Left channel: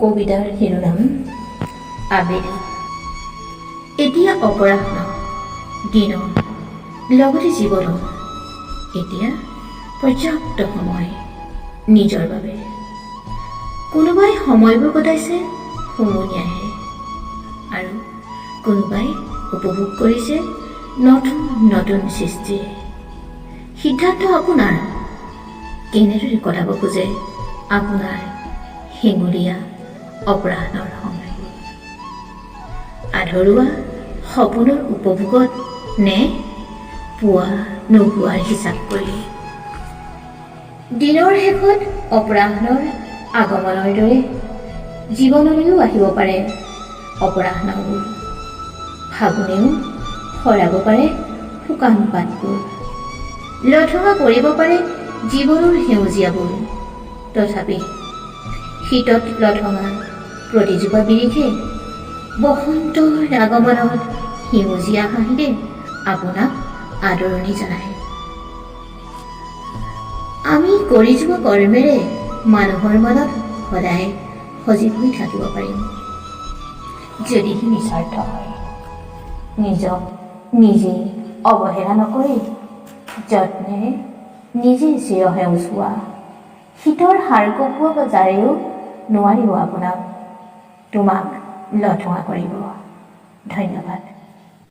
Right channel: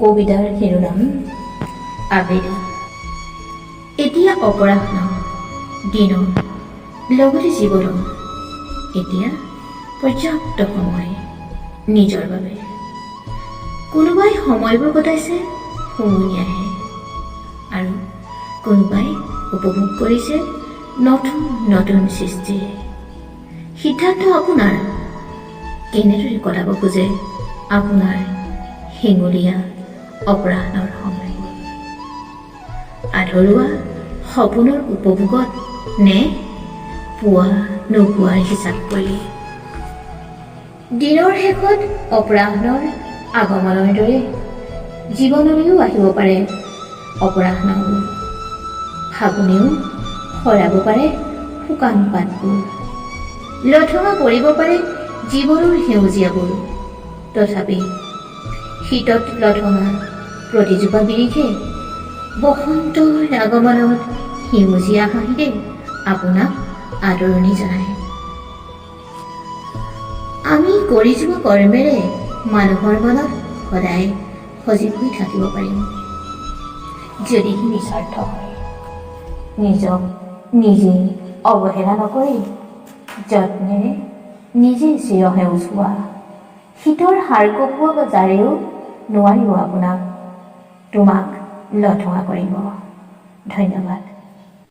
কবিতাৰ শিৰোনাম আবেলি। এতিয়া অপৰাহ্ন দিনৰ লগতে জীৱনৰ এতিয়া পৰ্যাপ্ত সময় নিজৰ বাবে। কোনোবাই সময়বোৰ কটাইছে হুমুনিয়াহে আৰু কোনোবাই উপভোগ কৰিছে নতুন নতুন সৃষ্টিৰে। সিদ্ধান্ত আপোনাৰ, কেনেদৰে কটাব খোজে আপোনাৰ হেঙুলীয়া অপৰাহ্নৰ সময়বোৰ। আধৰুৱা সপোনৰ উপভোগত নে পুৱা নোপোৱাৰ হিচাপ কৰি। দিনৰ শেষত অপৰাহ্নৰ আগমনৰ দৰে জীৱনলৈও আহিব পাৰে অপৰাহ্নবোৰ। ফাগুনেও সৰাব পাৰে শুকান পাতবোৰ, লঠঙা কৰিব পাৰে জীৱনৰ সেউজীয়াবোৰ। তথাপি শীতত লঠঙা প্ৰতিজোপা বিৰিখে বসন্তৰ আগমনত সেউজীয়া হাঁহিৰে আপোনাক আদৰণি জনায়। আমি কৰি যোৱা কৰ্মেৰে মানুহৰ মনত সদায় সজীৱ হৈ থাকিব পাৰিম, যদি সি নিস্বাৰ্থ হয়। নিজক নিজে অৱহেলা নকৰি যত্নেৰে নিজে চিৰসেউজ হোৱা। শীতৰ সাৰ কপোৱা জাৰেও নোৱাৰিব আপোনাক তোমাক লঠঙা কৰিব। ধন্যবাদ।